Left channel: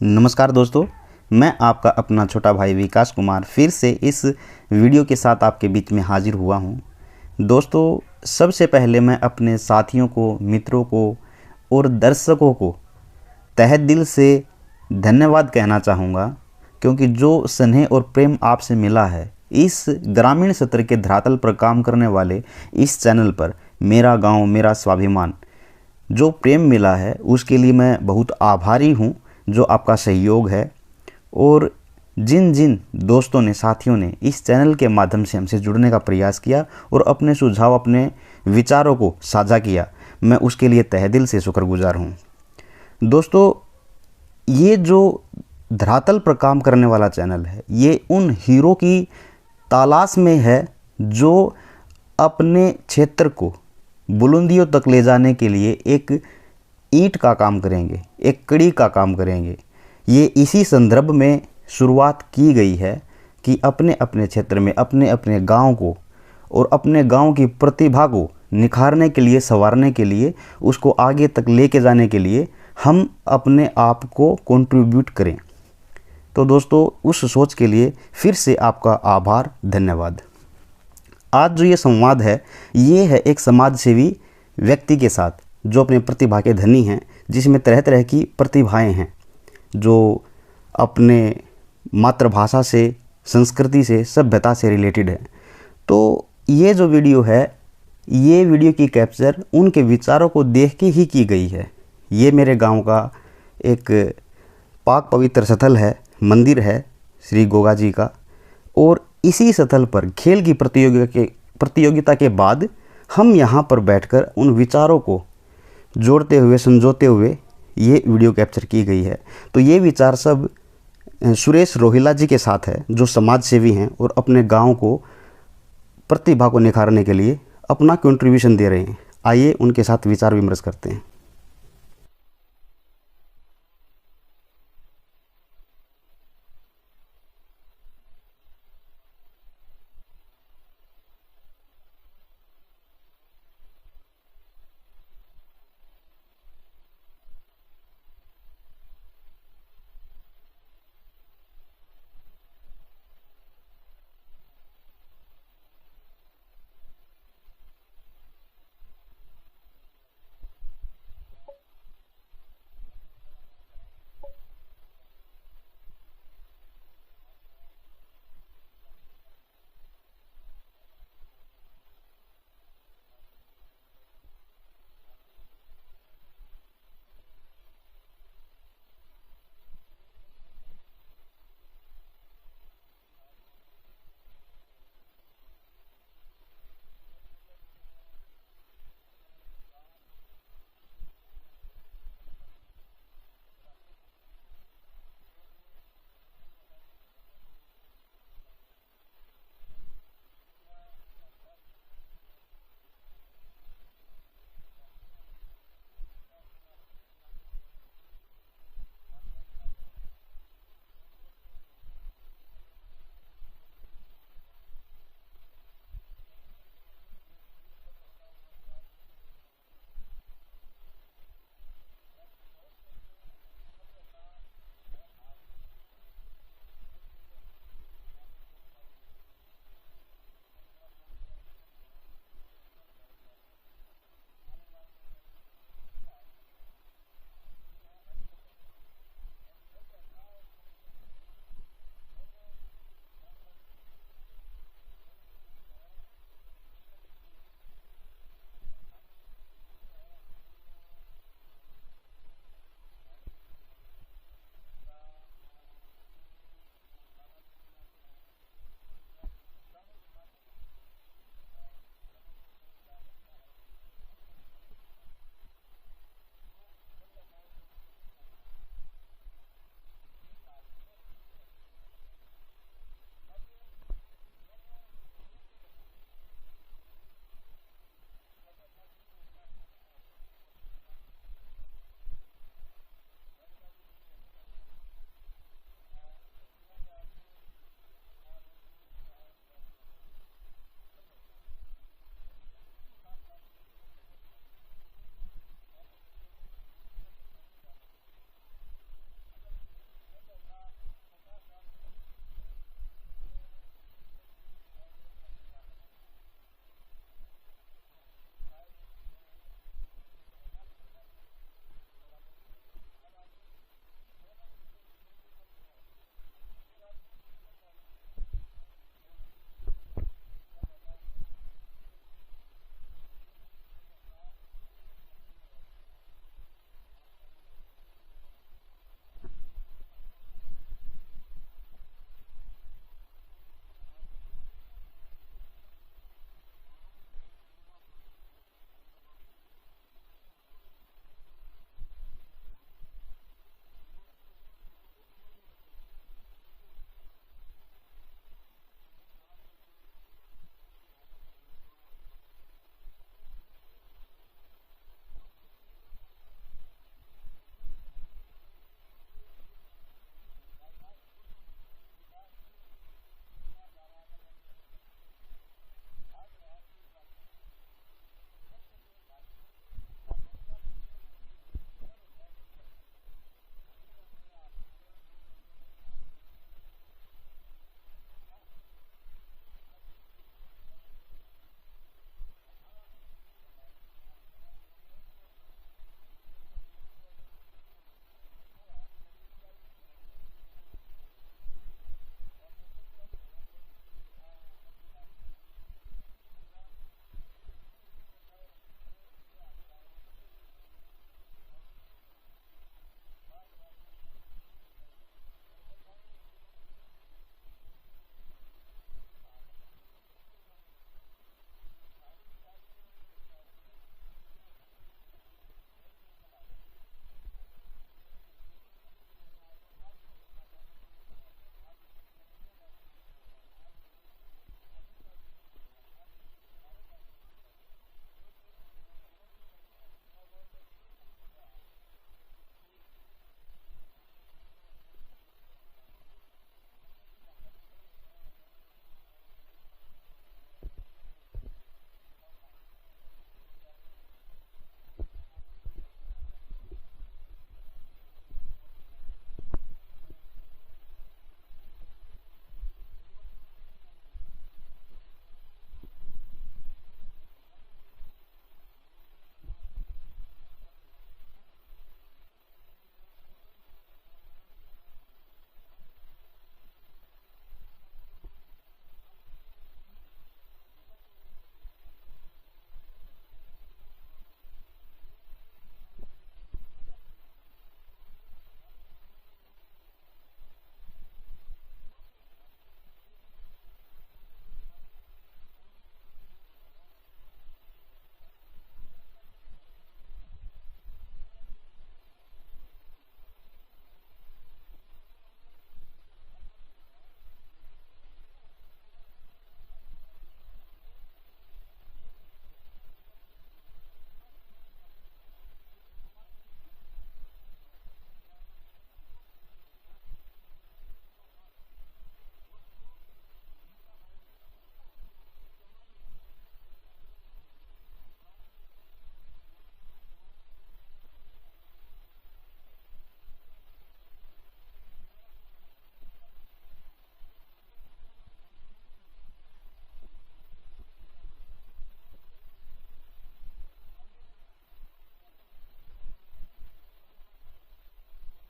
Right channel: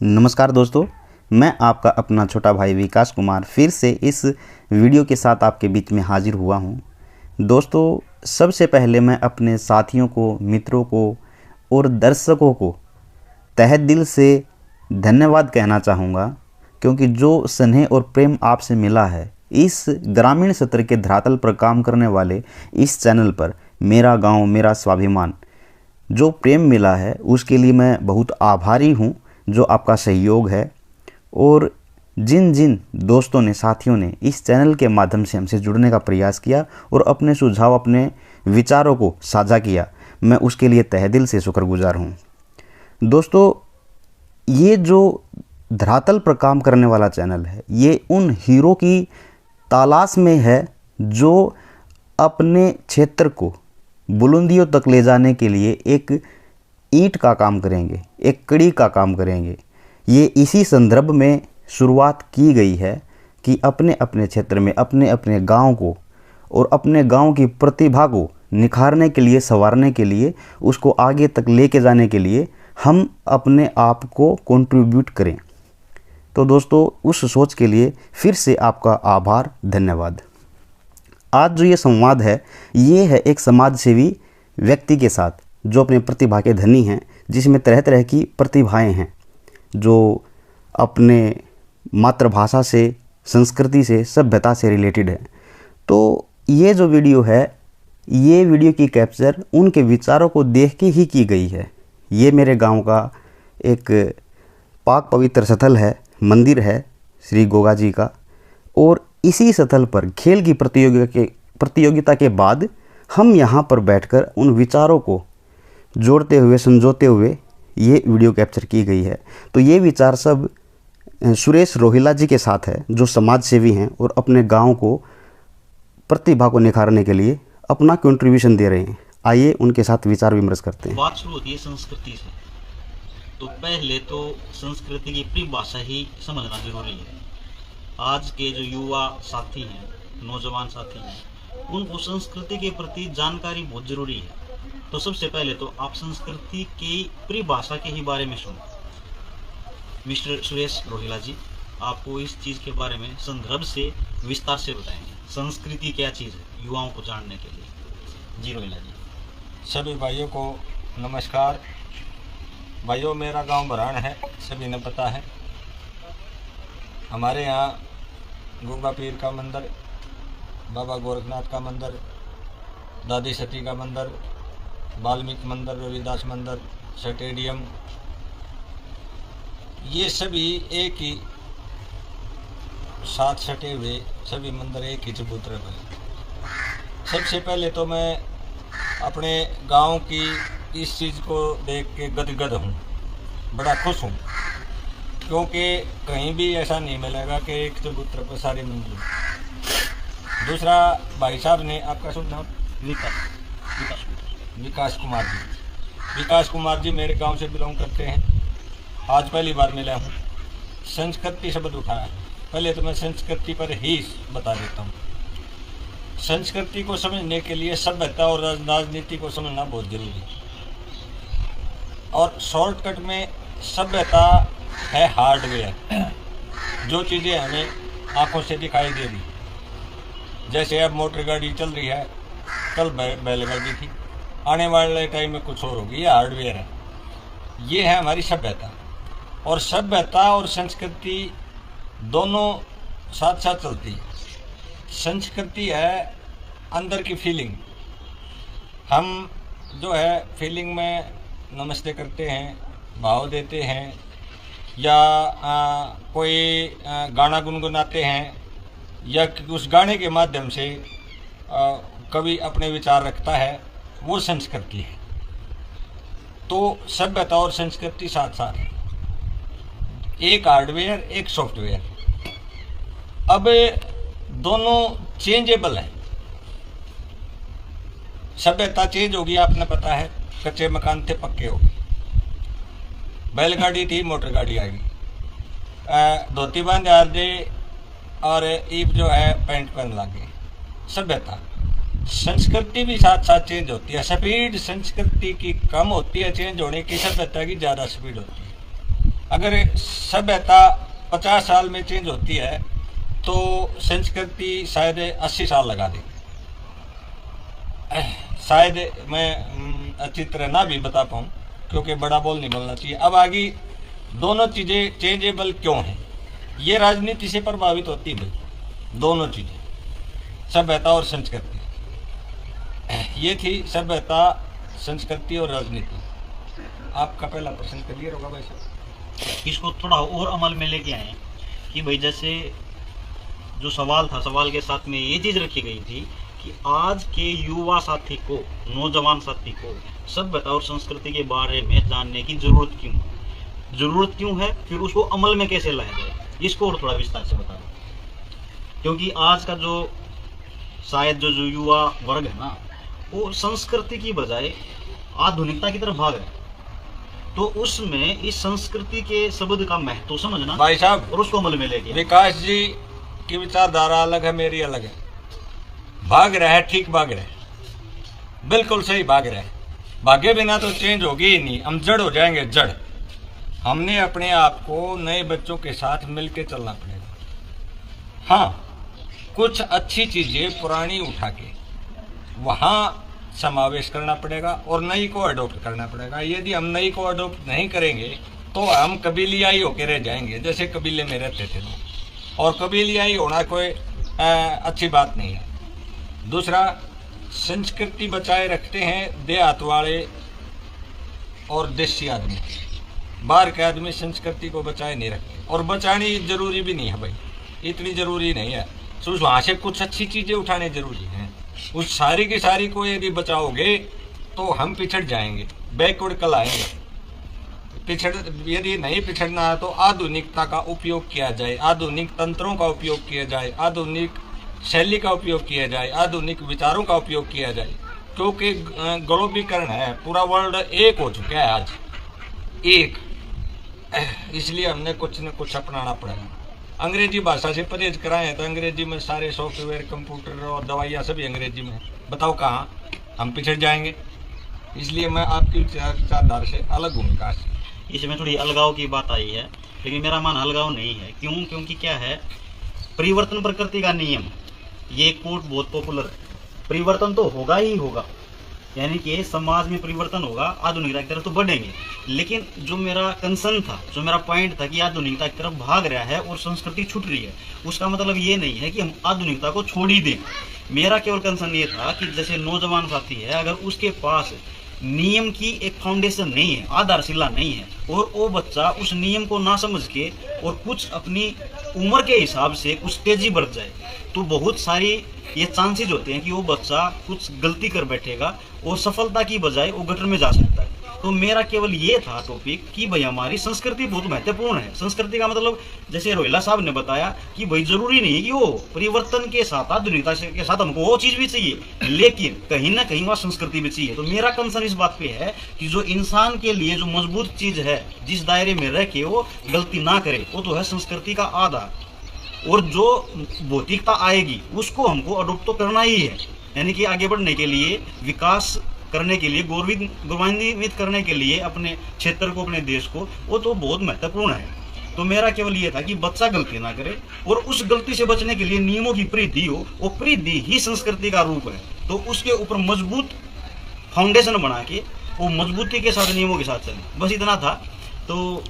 नमस्कार दोस्तों, मैं आपका अपना छोटा भाई विकास कुमार फिर से इस वीडियो के साथ आपके बीच में हाजिर हुआ हूं। दोस्तों, सबसे पहले मैं अपने साथियों को, मित्रों को और दर्शकों को तहे दिल से धन्यवाद कहना चाहूँगा, क्योंकि जो स्नेह और प्रेम आपसे मिला है इस ग्रामीण सत्र के धरातल पर काम करने वाले इस चैनल पर, मेरा गांव मेरा स्वाभिमान, जो प्रेम मिला है उसके लिए मैं बहुत आभारी हूँ। जो आपका सहयोग है और जिन जिन दोस्तों ने, साथियों ने इस चैनल के माध्यम से हमसे जुड़ने का प्रयास किया और अपने सुझाव, अपने विचारों को साझा किया, मैं उसके लिए तहे दिल से शुक्रगुजार हूँ। दोस्तों, ये जो धरातल पर काम करने वाला चैनल है, ये उन हीरो की तलाश में है जो अपने क्षेत्र को बुलंदियों तक ले जाने के लिए एक ईंट का काम करेंगे, एक कड़ी का काम करेंगे। ये इसी संदर्भ में शुरुआत की गई है कि अपने अपने क्षेत्र में, अपने अपने गांव को और अपने गांव की प्रतिभा को निखारने के लिए, संवारने के लिए, उसको आगे तक लेके जाने के लिए हम अपने आप को कंट्रीब्यूट करें। तो दोस्तों, उस सोच के लिए फिर से आपका आभार, धन्यवाद। आज जो ये संवाद है, ये है एक समाज सेवी व्यक्ति के साथ जो अपने प्रतिभा के धनी हैं, जिसमें तरह तरह की प्रतिभाएं हैं, जो अपने मातृभाषा से, संस्कृति से, सभ्यता से रिलेटेड है। तो ये जो वीडियो है, ये वीडियो की कैप्चर उनके विचारों को देख के ही की गई है। ये मेरे गांव का एक पाक पवित्र स्थल है, मंदिर है श्री गोगा जी का, और इसी स्थल पर खेल की प्रतियोगिता के बाद हम यहाँ पर बैठकर उन विचारों को जोड़ते हुए, संजोते हुए ये वीडियो कैप्चर की गई है। तो ये विचार सब सुरेश रोहिला जी के साथ है, जो समाज सेवी हैं और अपने गांव को, प्रतिभा को निखारने के लिए अपना कंट्रीब्यूशन दे रहे हैं। आइए उनके साथ विचार विमर्श करते हैं। बात शुरू होती है संस्कृति से, तो पहले तो संस्कृति की परिभाषा ही समझना जरूरी है। आज के जो युवा साथी हैं, नौजवान साथी हैं, उनको संस्कृति के प्रति जानकारी बहुत जरूरी है। तो सबसे पहले तो आप संस्कृति की परिभाषा के ही बारे में सुनो। मिस्टर सुरेश रोहिला जी आपको इस चीज के बारे में संदर्भ से विस्तार से बताएंगे। संस्कृति क्या चीज है, युवाओं को जानने के लिए। जी रोहिला जी। सभी भाइयों को नमस्कार। भाइयों, मेरा गांव बरान है, सभी ने पता है। हमारे यहाँ गोगा पीर का मंदिर, बाबा गोरखनाथ का मंदिर, दादी सती का मंदिर, वाल्मीकि मंदिर, रविदास मंदिर, स्टेडियम, ये सभी एक ही साथ सटे हुए सभी मंदिर एक ही चबूतरे पर। सबसे पहले तो मैं अपने गांव की इस चीज़ को देख के गदगद हूँ, बड़ा खुश हूँ, क्योंकि कहीं भी ऐसा नहीं मिलेगा कि एक चबूतरे पर सारी मंदिर। दूसरा, भाई साहब ने, आपका शुभ नाम? विकास कुमार जी। विकास कुमार जी मेरे गांव से बिलोंग करते हैं। आज पहली बार मिला हूँ। संस्कृति शब्द उठाया, पहले तो मैं संस्कृति पर ही बता देता हूँ। संस्कृति को समझने के लिए सभ्यता और राजनीति को समझना बहुत जरूरी है। और शॉर्टकट में सभ्यता है हार्डवेयर, जो चीज़ें हमें आंखों से दिखाई दे रही, जैसे अब मोटर गाड़ी चल रही है, कल बैलगाड़ी थी, आने वाले टाइम में कुछ और होगी। ये हार्डवेयर है, ये है हमारी सभ्यता। और सभ्यता और संस्कृति दोनों साथ साथ चलती है। संस्कृति है अंदर की फीलिंग। हम जो है फीलिंग में नमस्ते करते हैं, भाव देते हैं, या कोई गाना गुनगुनाते हैं, या उस गाने के माध्यम से कवि अपने विचार रखता है, वो संस्कृति है। तो सभ्यता और संस्कृति साथ साथ है, एक हार्डवेयर एक सॉफ्टवेयर। अब दोनों चेंजेबल है। सभ्यता चेंज होगी, आपने पता है, कच्चे मकान थे पक्के हो गए, बैलगाड़ी थी मोटर गाड़ी आ गई, धोती बांध आ दे और ईब जो है पैंट पहन लागे। सभ्यता। संस्कृति भी साथ साथ चेंज होती है। स्पीड संस्कृति की कम होती है चेंज होने की, सभ्यता की ज़्यादा स्पीड होती है। अगर सभ्यता 50 साल में चेंज होती है तो संस्कृति शायद 80 साल लगा दे। शायद मैं अच्छी तरह ना भी बता पाऊँ क्योंकि बड़ा बोल नहीं बोलना चाहिए। अब आगे दोनों चीज़ें चेंजेबल क्यों हैं? ये राजनीति से प्रभावित होती है भाई, दोनों चीज़ें, सभ्यता और संस्कृति। ये थी सभ्यता, संस्कृति और राजनीति। आपका पहला प्रश्न क्लियर होगा भाई साहब। इसको थोड़ा और अमल में लेके आए कि भाई जैसे जो सवाल था, सवाल के साथ में ये चीज रखी गई थी कि आज के युवा साथी को, नौजवान साथी को सभ्यता और संस्कृति के बारे में जानने की जरूरत क्यों है, फिर उसको अमल में कैसे लाया जाए, इसको और थोड़ा विस्तार से बता दो। क्योंकि आज का जो शायद जो युवा वर्ग है ना, वो संस्कृति की बजाय आधुनिकता की तरफ भाग रहा है। तो उसमें इस संस्कृति के शब्द का महत्व समझना भाई साहब और उसको अमल में लेके विकास जी की विचारधारा अलग है, मेरी अलग है। भाग रहा है, ठीक भाग रहा है, बिल्कुल सही भाग रहा है। भागे बिना तो चेंज होगी ही नहीं, हम जड़ हो जाएंगे, जड़। हमने अपने आप को नए बच्चों के साथ मिलके चलना पड़ेगा। हाँ, कुछ अच्छी चीजें पुरानी उठा के वहाँ समावेश करना पड़ेगा और नई को अडोप्ट करना पड़ेगा। यदि हम नई को अडोप्ट नहीं करेंगे तो हम कबीलियाई होकर रह जाएंगे, जैसे कबीले में रहते थे लोग। और कबीलियाई होना कोई अच्छी बात नहीं है। दूसरा, संस्कृति बचाए रखते हैं देहात वाले और देसी आदमी। बाहर के आदमी संस्कृति को बचाए नहीं रखते, और बचानी जरूरी भी नहीं है भाई, इतनी जरूरी नहीं है। तो वहाँ से कुछ अच्छी चीज़ें उठाने जरूरी हैं। उस सारी की सारी को यदि बचाओगे तो हम पिछड़ जाएंगे, बैकवर्ड कल आएंगे। यदि नहीं पिछड़ना है तो आधुनिकता का उपयोग किया जाए, आधुनिक तंत्रों का उपयोग किया जाए, आधुनिक शैली का उपयोग किया जाए, आधुनिक विचारों का उपयोग किया जाए। क्योंकि ग्लोबीकरण है, पूरा वर्ल्ड एक हो चुका है आज, एक। इसलिए हमने कुछ न कुछ अपनाना पड़ेगा। अंग्रेजी भाषा से परहेज कराएं तो अंग्रेजी में सारे सॉफ्टवेयर, कंप्यूटर और दवाइयाँ सभी अंग्रेजी में। बताओ कहाँ हम पिछड़ जाएंगे। इसलिए मैं आपकी विचारधारा से अलग हूँ विकास। इसमें थोड़ी अलगाव की बात आई है, लेकिन मेरा मान अलगाव नहीं है। क्यों? क्योंकि क्या है, परिवर्तन प्रकृति का नियम, ये कोट बहुत पॉपुलर है। परिवर्तन तो होगा ही होगा, यानी कि समाज में परिवर्तन होगा, आधुनिकता की तरफ तो बढ़ेंगे। लेकिन जो मेरा कंसर्न था, जो मेरा पॉइंट था कि आधुनिकता की तरफ भाग रहा है और संस्कृति छूट रही है, उसका मतलब ये नहीं है कि हम आधुनिकता को छोड़ ही दें। मेरा केवल कंसर्न ये था कि जैसे नौजवान साथी है, अगर उसके पास नियम की एक फाउंडेशन नहीं है, आधारशिला नहीं है, और वो बच्चा उस नियम को ना समझ के और कुछ अपनी उम्र के हिसाब से कुछ तेजी बढ़ जाए, तो बहुत सारी ये चांसेस होते हैं कि वो बच्चा कुछ गलती कर बैठेगा और सफलता की बजाय वो गटर में जा सकता है। तो मेरा केवल ये था टॉपिक कि भाई हमारी संस्कृति बहुत महत्वपूर्ण है। संस्कृति का मतलब जैसे रोहिला साहब ने बताया कि भाई जरूरी नहीं है कि वो परिवर्तन के साथ, आधुनिकता के साथ हमको वो चीज भी चाहिए, लेकिन कहीं ना कहीं वहाँ संस्कृति भी चाहिए। तो मेरा कंसर्न इस बात पे है कि जो इंसान के लिए जो मजबूत चीज है, जिस दायरे में रह के वो गलती ना करे, वो तो है संस्कृति का आधार। और जो भौतिकता आएगी उसको हमको अडोप्ट तो करना ही है, यानी कि आगे बढ़ने के लिए, विकास करने के लिए, गौरवान्वित करने के लिए अपने क्षेत्र को, अपने देश को, वो तो बहुत महत्वपूर्ण है। तो मेरा केवल ये था कि बच्चा गलती ना करे और उस गलती से बचने के लिए नियमों की परिधि हो, वो परिधि ही संस्कृति का रूप है। तो उसके ऊपर मजबूत फाउंडेशन बना के वो मजबूती के साथ नियमों के साथ चले, बस इतना था। तो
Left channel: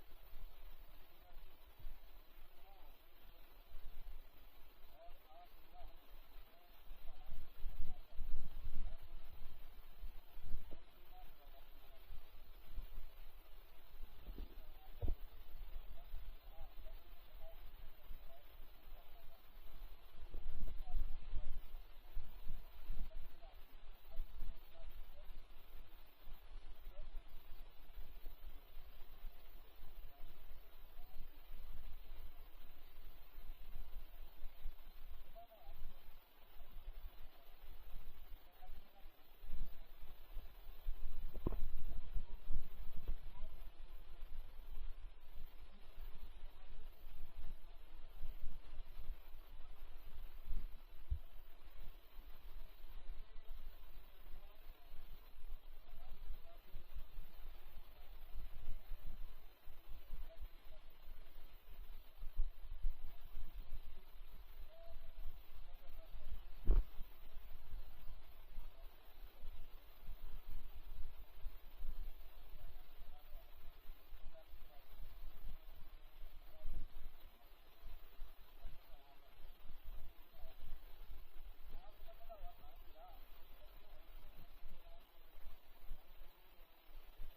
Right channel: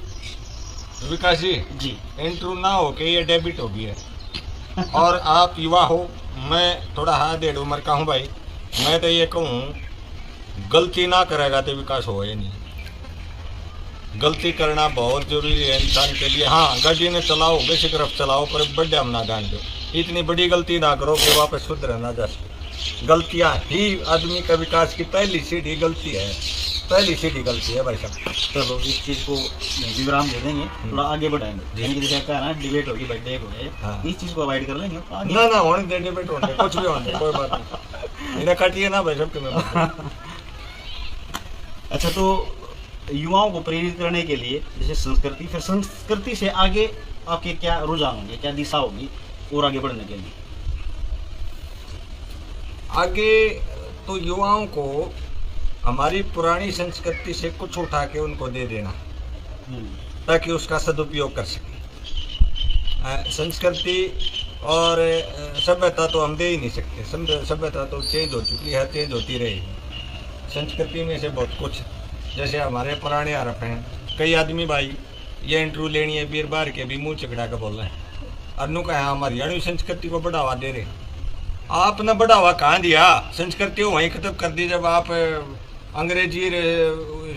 विकास जी इंट्रो ना हो के ये डेबिट हो गया है। और आप युवा हो, मैं थोड़ा हाथ 1.5 उम्र का हूँ भाई। मैं तो ये कहूँ, गलती ना करेगा तो विकास हो ही नहीं। गलती करना बहुत जरूरी है इंसान के लिए। हाँ, गाड़ी ने चलाओ, बेसिक रफ चलाओ, पर बड़े हम ना जान दो। इतनी बड़ी गलती ना करो कि वापस सुधर ना जा सके। गलतियाँ ही आदमी का विकास की पहली सीढ़ी गलती है, पहली सीढ़ी गलती है भाई साहब। चलो इस चीज को विराम दे देंगे, थोड़ा आगे बढ़ाएंगे। यानी कि जैसे कह रहा है डिबेट होगी, बर्थडे हो गए, हाँ। इस चीज को अवॉइड कर लेंगे आगे। ना होने दे, डिबेट होने दे, कुछ भी होने दे, कोई बात नहीं। इन्हें काटिए ना भाई साहब के मैं। अच्छा, तो युवाओं को प्रेरित करने के लिए जैसे संस्कृति, फिर संस्कृति से आगे आपके क्या रुझान होंगे, क्या दिशा होगी और आगे बढ़ने के लिए? आगे तो युवाओं को हमारी पुरानी संस्कृति से कुछ उठा के उनको दे देना। ताकि उसका सदुपयोग कर सकें। संस्कृति और सभ्यता तो हम दे ही नहीं सकते, सभ्यता तो चेंज हो चुकी है, चेंज होती रहेगी। संस्कृति में से बहुत कुछ, जैसे हमारे पुराने आरोप हैं, कई आदमी भाई ये इंटरव्यू लेनी है बीर बार के भी मुँह चकड़ा कर बोल रहे हैं, अनु का हम हरियाणवी संस्कृति को बढ़ावा दे रहे। आपने बढ़ावा कहाँ दिया? संस्कृति वहीं खत्म कर दी जब आप अंग्रेजी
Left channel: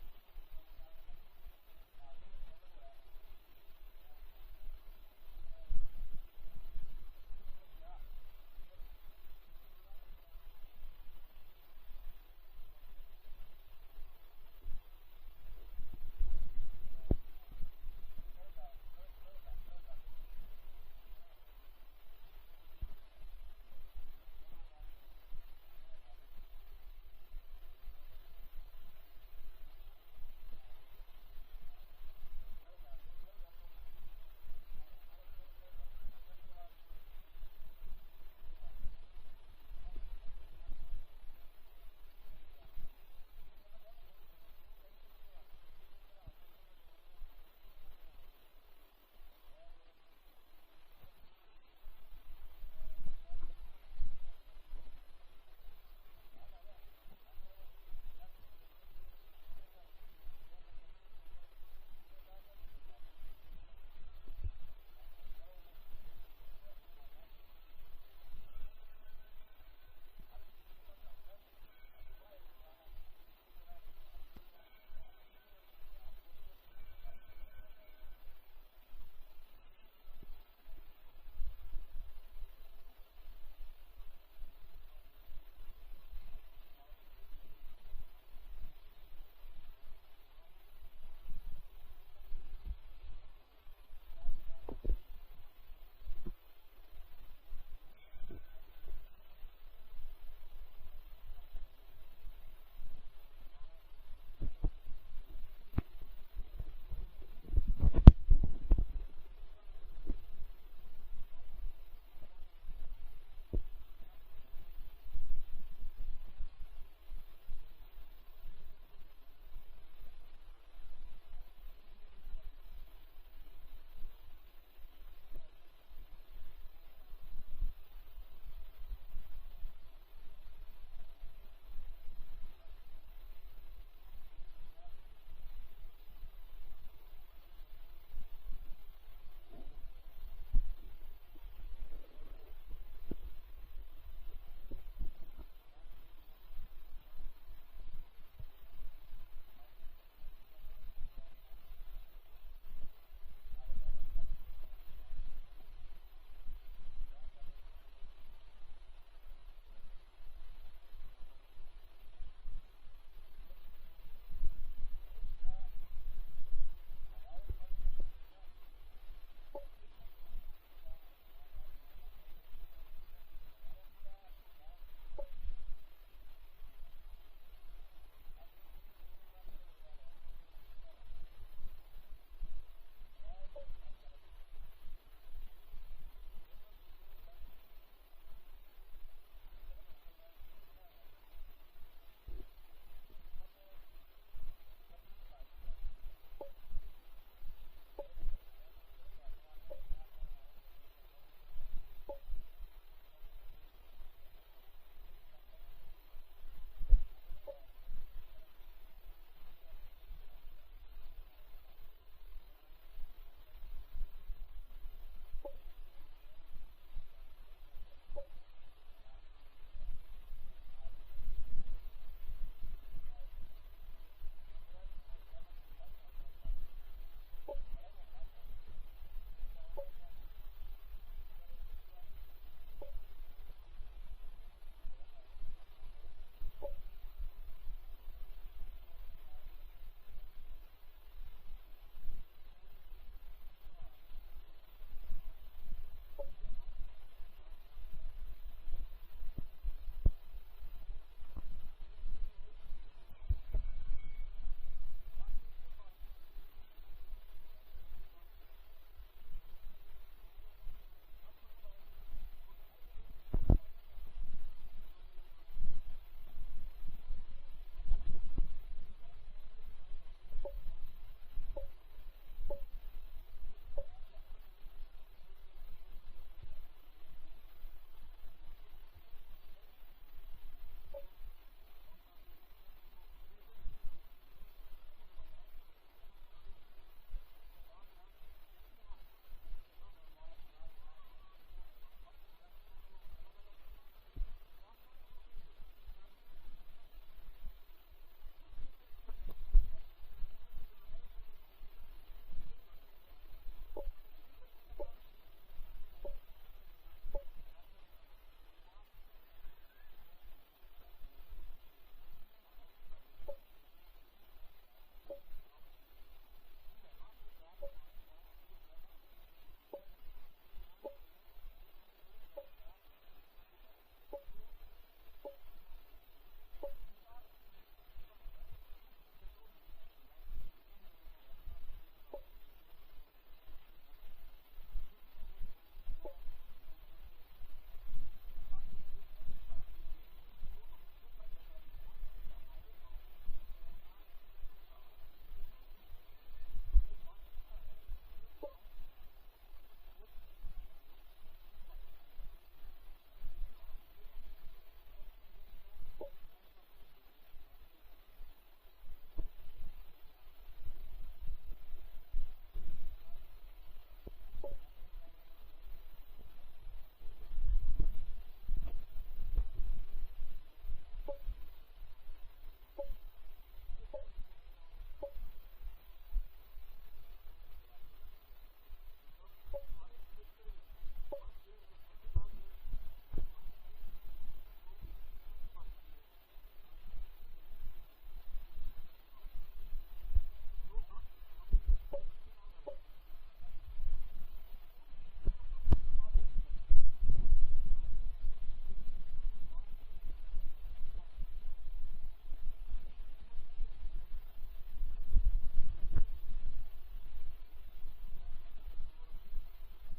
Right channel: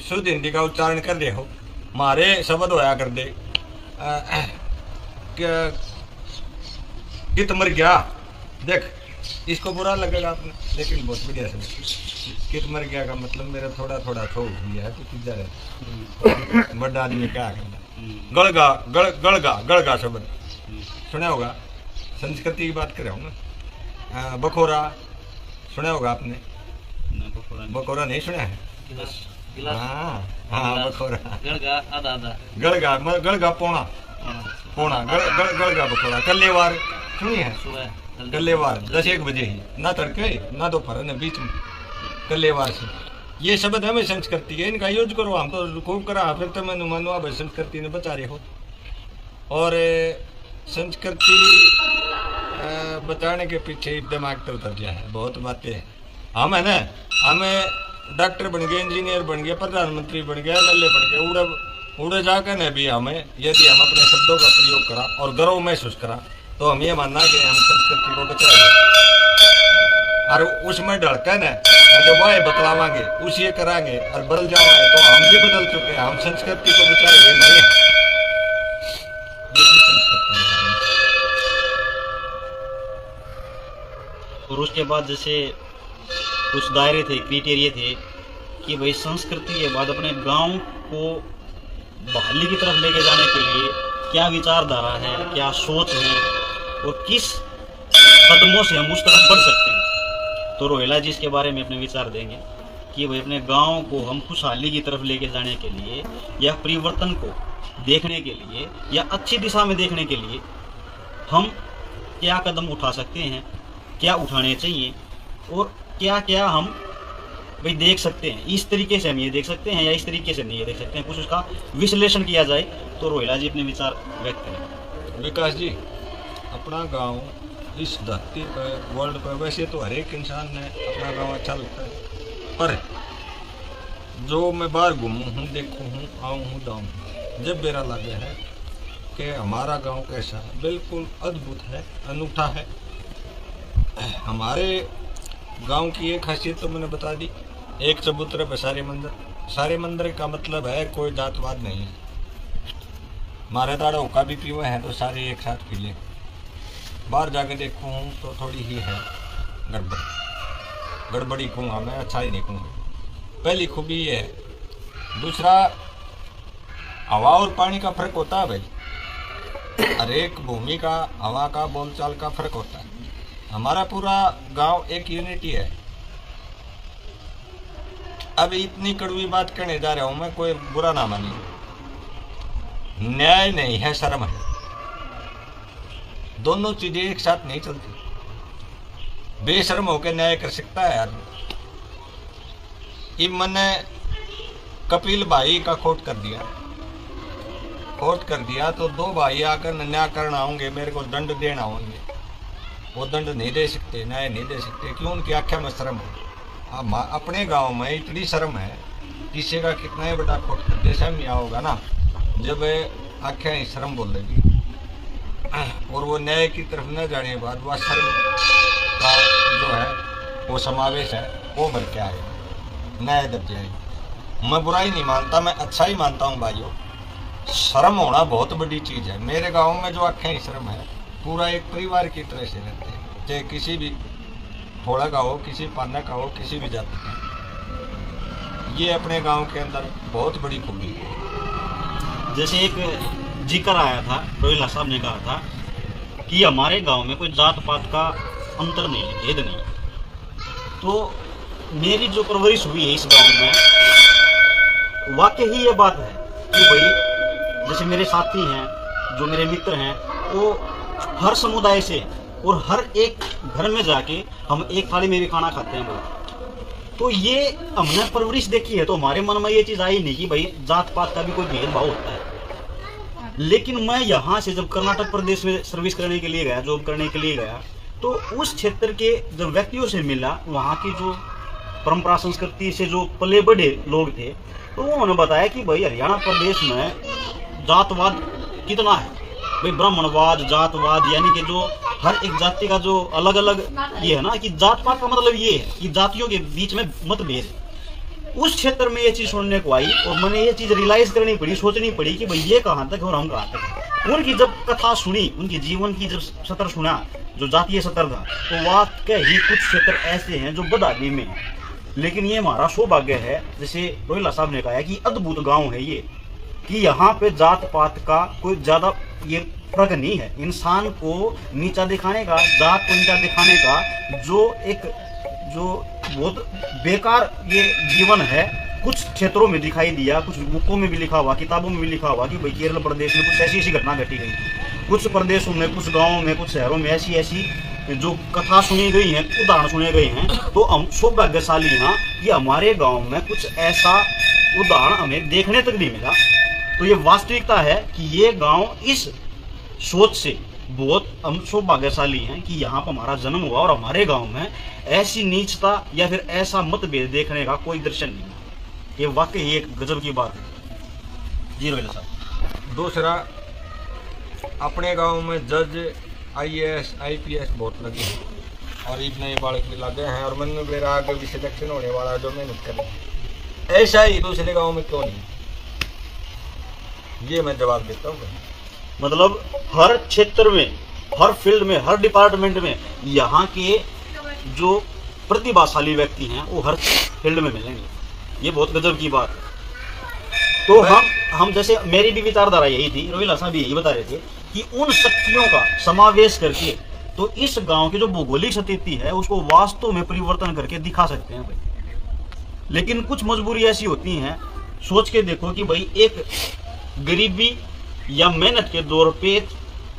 शुद्ध हिंदी का उच्चारण कर रहे हो। हमारे शब्द होया कर दे कित मर गया, देख इसको बुरा लगेगा आपने, लेकिन बहुत बढ़िया समझ। कित मर गया का मतलब मेरा थोड़ा थोड़ा खो गया है तो किधर है बड़ा आदमी क्या करना। गड़गा गड़गा गड़गा शब्द सुना होगा, संस्कृति की बात कर रहा हूँ मैं। बखोरा सुना होगा आपने? बखोरा नहीं सुना है? हाँ हाँ बखोरा। गड़गा गड़गा पौना पौना गड़गा बखोरा। कल्लेवार सुनी है? कल्लेवार 10-1 बजे ही, ना तड़के ना दोपहर ना बीच में, कल्लेवार से। ये शब्द हमें संस्कृति है, इनका यूज करो। हम तो खूब करा, फिर तो मैं मानो आप संस्कृति ने बचा रहे हो। और संस्कृति बचाने के पीछे दिमाग तो उतर गया है, बहुत बातें हैं। हम है ना, हमें डॉक्टर बन गए, इंजीनियर बन गए, प्रधानमंत्री बन गए, एमएलए बन गए, उड़े जाकर ने भी हमें, यदि हम अपने शब्दों का प्रयोग करा और गर्व महसूस करा तो हम ये मानना कि हम संस्कृति को बचाएंगे। और उसमें ढड़कन है जब वह बतलावांगे उसी कराएंगे और बदल जाएंगे तो हम भी बदल चुके हैं। हम संस्कृति को बचाएंगे नहीं। और उसके बाद जैसे कुछ दायरे थे, क्राइटेरिया थे कि भाई संस्कृति के बाद अपने गांव को बहाली की तरफ लेके जाने के लिए क्या विचारधारा है, क्या सोच है और किस कदमों से हम उस तरफ बढ़ सकते हैं। तो रोहिला जी इसके बारे में अपने विचार देंगे कि भाई अपने गांव को हम खुशहाली की तरफ लेके जाने के लिए या परिवर्तन को देखने के लिए या अच्छी दिशा में देखने के लिए हम क्या कदम उठा सकते हैं, क्या उठाने चाहिए और क्या क्या हम भाई देख सकते हैं। इस तरीके से हम ये देख सकते हैं या इस तरीके से नहीं ये देख सकते हैं, कुछ उसका विश्लेषण किया जाए। तो रोहिला जी अपने विचार व्यक्त करें। विकास जी, अपना गांव इस धरती पर, वर्ल्ड पर, वैसे तो हर एक इंसान ने अपना गांव अच्छा लगता है, पर जो मैं बाहर घूमूँ हूँ, देखूँ हूँ, आऊँ हूँ, जाऊँ हूँ, जब मेरा लगा है कि हमारा गांव कैसा है, बिल्कुल अद्भुत है, अनूठा है। हमारे गांव की एक खासियत तो मैंने बता दी, एक चबूतरे पर सारे मंदिर। सारे मंदिर का मतलब है कोई जातवाद नहीं है। मारे दाड़ा होका भी पीवे हैं तो सारे एक साथ पी ले। बाहर जाके देखूँ तो थोड़ी ही है गड़बड़ी कहूँगा मैं, अच्छा ही नहीं कहूँगा। पहली खूबी ये है। दूसरा, हवा और पानी का फर्क होता है भाई, हर एक भूमि का हवा का बोलचाल का फर्क होता है। हमारा पूरा गांव एक यूनिटी है। अब इतनी कड़वी बात कहने जा रहा हूं मैं, कोई बुरा ना मानिए। न्याय नहीं है, शर्म है। दोनों चीजें एक साथ नहीं चलती। बेशर्म होकर न्याय कर सकता है यार। इब मैंने कपिल भाई का कोट कर दिया तो 2 भाई आकर न्याय करना होंगे, मेरे को दंड देना होंगे। वो दंड नहीं दे सकते, न्याय नहीं दे सकते। क्यों? उनकी आंखें में शर्म है। अब अपने गांव में इतनी शर्म है, किसी का कितना ही बड़ा कोट कर दे, शर्म यहाँ होगा ना जब आंखें ही शर्म बोल देगी और वो न्याय की तरफ न जाने के बाद वह शर्म का जो है वो समावेश है, वो भर के आएगा, न्याय दब जाएगी। मैं बुराई नहीं मानता, मैं अच्छा ही मानता हूँ भाइयों। शर्म होना बहुत बड़ी चीज़ है। मेरे गाँव में जो आंखें ही शर्म है, पूरा एक परिवार की तरह से रहते हैं, चाहे किसी भी थोड़ा का हो, किसी पाना का हो, किसी भी जाति का। ये अपने गांव के अंदर बहुत बड़ी खूबी है। जैसे एक जिक्र आया था, रोहिला साहब ने कहा था कि हमारे गांव में कोई जात पात का अंतर नहीं है, भेद नहीं। तो मेरी जो परवरिश हुई है इस गांव में, वाकई ही ये बात है कि भाई जैसे मेरे साथी हैं, जो मेरे मित्र हैं, वो हर समुदाय से और हर एक घर में जाके हम एक थाली में भी खाना खाते हैं भाई। तो ये हमने परवरिश देखी है, तो हमारे मन में ये चीज़ आई नहीं कि भाई जात पात का भी कोई भेदभाव होता है। लेकिन मैं यहाँ से जब कर्नाटक प्रदेश में सर्विस करने के लिए गया, जॉब करने के लिए गया, तो उस क्षेत्र के जब व्यक्तियों से मिला, वहाँ की जो परंपरा संस्कृति से जो पले बड़े लोग थे, तो उन्होंने बताया कि भाई हरियाणा प्रदेश में जातवाद कितना है। भाई ब्राह्मणवाद, जातवाद, यानी कि जो हर एक जाति का जो अलग अलग ये है ना, कि जात पात का मतलब ये है कि जातियों के बीच में मतभेद है। उस क्षेत्र में ये चीज सुनने को आई और मैंने ये चीज रियलाइज करनी पड़ी, सोचनी पड़ी कि भाई ये कहाँ तक और हम कहाँ तक। उनकी जब कथा सुनी, उनके जीवन की जब सत्र सुना, जो जातीय सत्र था, तो वाकई ही कुछ क्षेत्र ऐसे हैं जो बदहाली में है। लेकिन ये हमारा सौभाग्य है, जैसे रोहिला साहब ने कहा कि अद्भुत गांव है ये, कि यहाँ पे जात पात का कोई ज्यादा ये फर्क नहीं है। इंसान को नीचा दिखाने का, जात को नीचा दिखाने का जो बहुत बेकार ये जीवन है, कुछ क्षेत्रों में दिखाई दिया, कुछ बुकों में भी लिखा हुआ, किताबों में भी लिखा हुआ कि भाई केरल प्रदेश में कुछ ऐसी घटना घटी गई थी, कुछ प्रदेशों में, कुछ गाँवों में, कुछ शहरों में ऐसी जो कथा सुनी गई है, उदाहरण सुने गए हैं। तो हम सौभाग्यशाली हैं कि हमारे गांव में कुछ ऐसा उदाहरण हमें देखने तक नहीं मिला। तो ये वास्तविकता है कि ये गांव इस सोच से बहुत हम सौभाग्यशाली हैं कि यहाँ पर हमारा जन्म हुआ और हमारे गांव में ऐसी नीचता या फिर ऐसा मतभेद देखने का कोई दृश्य नहीं है। ये वाकई एक गजब की बात है। जी रोहिला साहब। दूसरा, अपने गांव में जज, IAS, IPS बहुत लगे हैं और इतने बालक भी लगे हैं, और मन में मेरा आगे भी सिलेक्शन होने वाला है जो मेहनत करें। ऐसा ही दूसरे गांव में क्यों नहीं? ये मैं जवाब देता हूँ। मतलब हर क्षेत्र में, हर फील्ड में, हर डिपार्टमेंट में यहाँ के जो प्रतिभाशाली व्यक्ति हैं वो हर फील्ड में मिलेंगे। ये बहुत गजब की बात है। तो हम जैसे मेरी भी विचारधारा यही थी, रोहिला साहब भी यही बता रहे थे कि उन शक्तियों का समावेश करके तो इस गांव की जो भौगोलिक स्थिति है उसको वास्तव में परिवर्तन करके दिखा सकते हैं भाई। लेकिन कुछ मजबूरी ऐसी होती हैं, सोच के देखो कि भाई एक गरीबी या मेहनत के दौर पे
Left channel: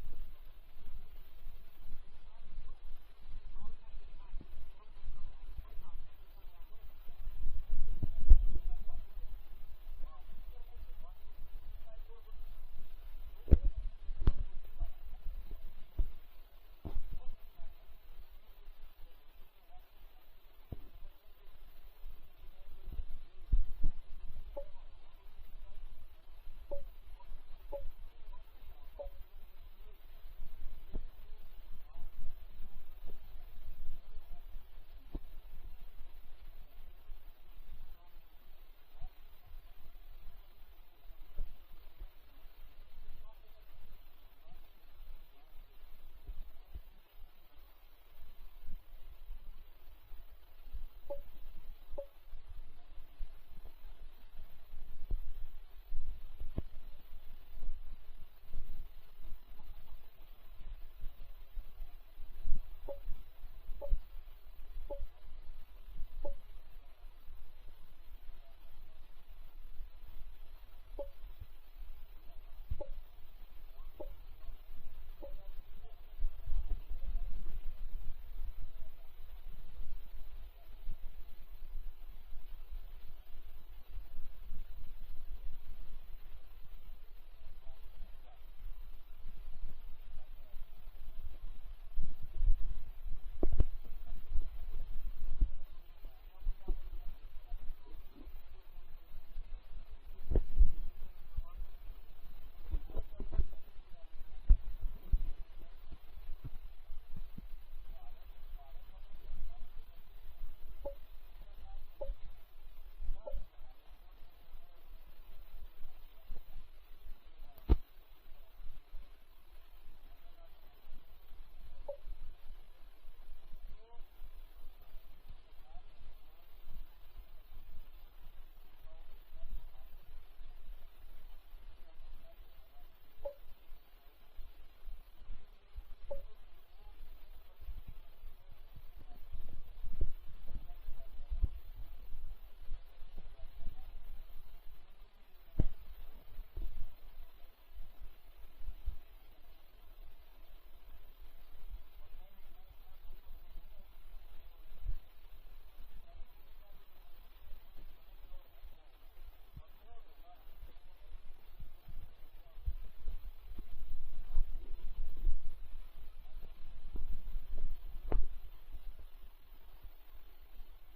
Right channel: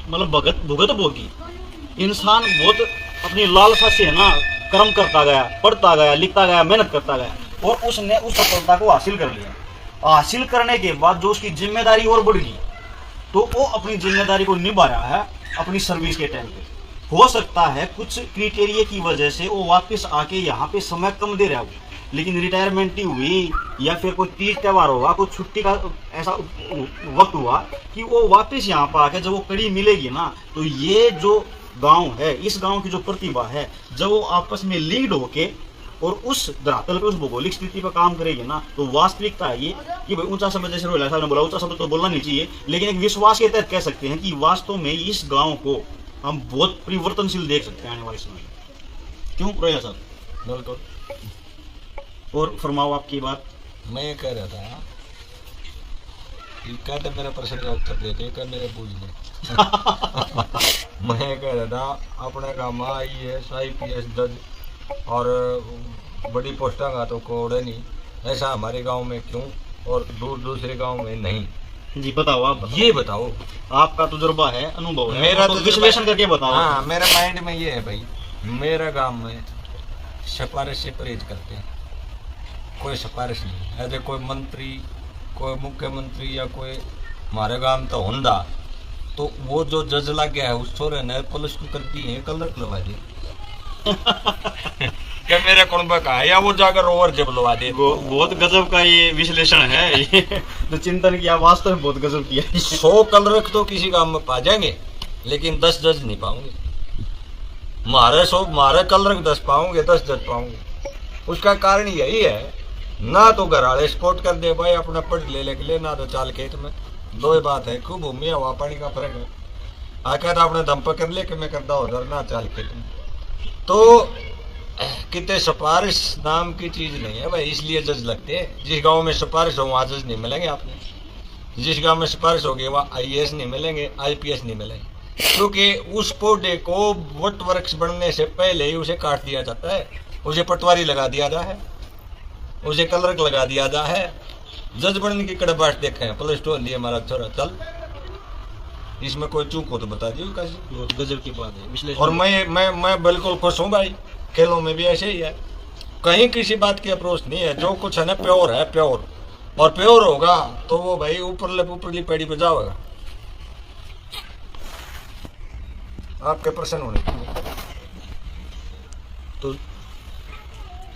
मतलब भुगत भोगी इंसान बहुत अपनी लालसा से है ना कर्म करता गया, पढ़ता गया, लिखता गया, मेहनत करता गया और उसने उस सफलता को हासिल कर लिया। हासिल करने के बाद जो उसकी जिम्मेदारी और बढ़ गई, तो वो अपनी जिम्मेदारी को निभा रहा है अपनी सर्विस के टाइम पे। हो सकता है कुछ क्राइटेरिया की वजह से वो वापस आके यहाँ पे समय कम दे रहा हो, लेकिन रिटायरमेंट ही हुई या फिर कोई तीज त्यौहार होगा, कोई छुट्टी का ऐसा वक्त हुआ कि वो वापस यहाँ पर आके जब वो कड़ी मिलेगी ना, तो ये जो गांव है, इस गांव की जो प्रतिभा है, जब वो आपस में लीड होके और उस धरातल पे, उस भौगोलिक स्थिति पर काम करेगी ना, तो वास्तविकता है ये कि भाई ऊंचा शब्द, जैसे रोहिला साहब ने बोला, ऊंचा शब्द तो बोलना नहीं चाहिए, लेकिन एक विश्वास के तहत कह सकते हैं कि वास्तव में इस गांव को हम बहुत परिवर्तनशील देख सकते हैं आने वाले समय में। क्यों रोहिला साहब? बिल्कुल। और फरमाओ आपकी बात। मैं ये कह रहा था कि कहते मेरे प्रश्न का उत्तर देते कर मेरे पूछ ले। मैं कह रहा था अपने गाँव में IAS, IPS जज और बड़ी पोस्टा का तो कोड नहीं, ऐसा हमारे गांव में क्यों और दूसरे गांव में नहीं? जी बताओ, आप बताओ। ये बताओ, आपका तजुर्बा है, अनुभव है, मेरा तो तो विश्लेषण करके बताओ। हाँ, मेरे माइंड में ये है भाई, मेरा गांव में सिफारिश से परहेज करते हैं, कोई सिफारिश नहीं। ऐसे कोई मंत्री, कोई मुख्यमंत्री या कोई हमारे गांव तो होंदा, तो वो जो जज लग गया है उस छोरे ने +2 करती है, कलर लगा दे क्या मेरे कुंबा का है, या वो जाकर ओवर जब लगा दे। बहुत गजब का ये विश्लेषण है, ये जो चिंतन किया वास्तव में बहुत गजब किया। 100 कलर तो किसी गांव में पा जाएंगे, लेकिन 10 जज नहीं पाऊंगे। मारे कलर 10 पाऊंगे, 10 जज पाऊंगे। उसका कारण यही है, ना तो घर वाले सपोर्ट कर दे भाई अपना पढ़ ले ना तो चाल खेत में, दो ही बात है। खूब भूमि हवा पानी का फर्क है। आकर तो अपने दम पर कर ले कि मैं करता उधर ना चाल खेत में। तो कितने सिफारिश नाम की चीज नहीं है भाई, इसलिए जज लगते हैं। जिस गांव में सिफारिश हो वहाँ जज नहीं मिलेंगे आपने, जिस गांव में सिफारिश होगी वहाँ IAS नहीं मिलेंगे, IPS नहीं मिलेंगे, क्योंकि उस पौधे को वट वृक्ष बनने से पहले ही उसे काट दिया जाता है, उसे पटवारी लगा दिया जाता है, उसे कलर लगा दिया जाता है। जज बनने की कड़बाट देखे हैं, +2 लिए हमारा छोरा, चल इसमें कोई चूक हो तो बता दियो। कैसे गजब की बात है विश्लेषण। और मैं बिल्कुल खुश हूँ भाई, खेलों में भी ऐसे ही है, कहीं किसी बात की अप्रोच नहीं है। जो कुछ है ना प्योर है, प्योर, और प्योर होगा तो वो भाई ऊपरली पेड़ी पे जाओगा। आपके प्रश्न होने चाहिए। तो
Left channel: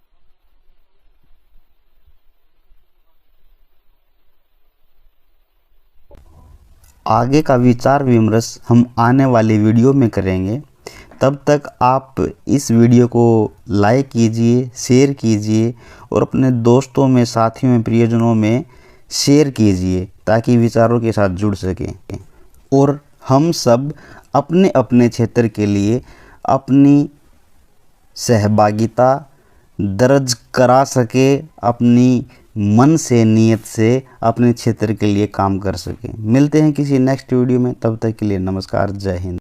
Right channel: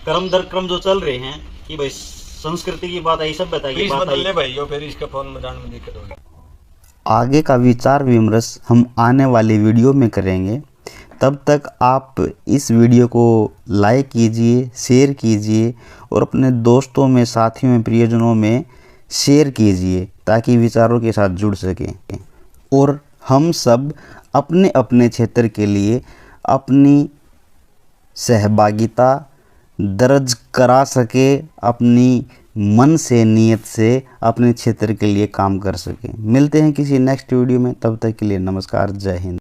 क्रम दर क्रम जो चल रहे हैं कि भाई संस्कृति की बात आई, सभ्यता की प्लीज बात बदल आई, ले भाई, यो फिर इसके फोन में जाने में दिक्कत होगी। आगे का विचार विमर्श हम आने वाली वीडियो में करेंगे। तब तक आप इस वीडियो को लाइक कीजिए, शेयर कीजिए और अपने दोस्तों में, साथियों में, प्रियजनों में शेयर कीजिए ताकि विचारों के साथ जुड़ सकें और हम सब अपने अपने क्षेत्र के लिए अपनी सहभागिता दर्ज करा सके, अपनी मन से, नीयत से अपने क्षेत्र के लिए काम कर सकें। मिलते हैं किसी नेक्स्ट वीडियो में, तब तक के लिए नमस्कार, जय हिंद।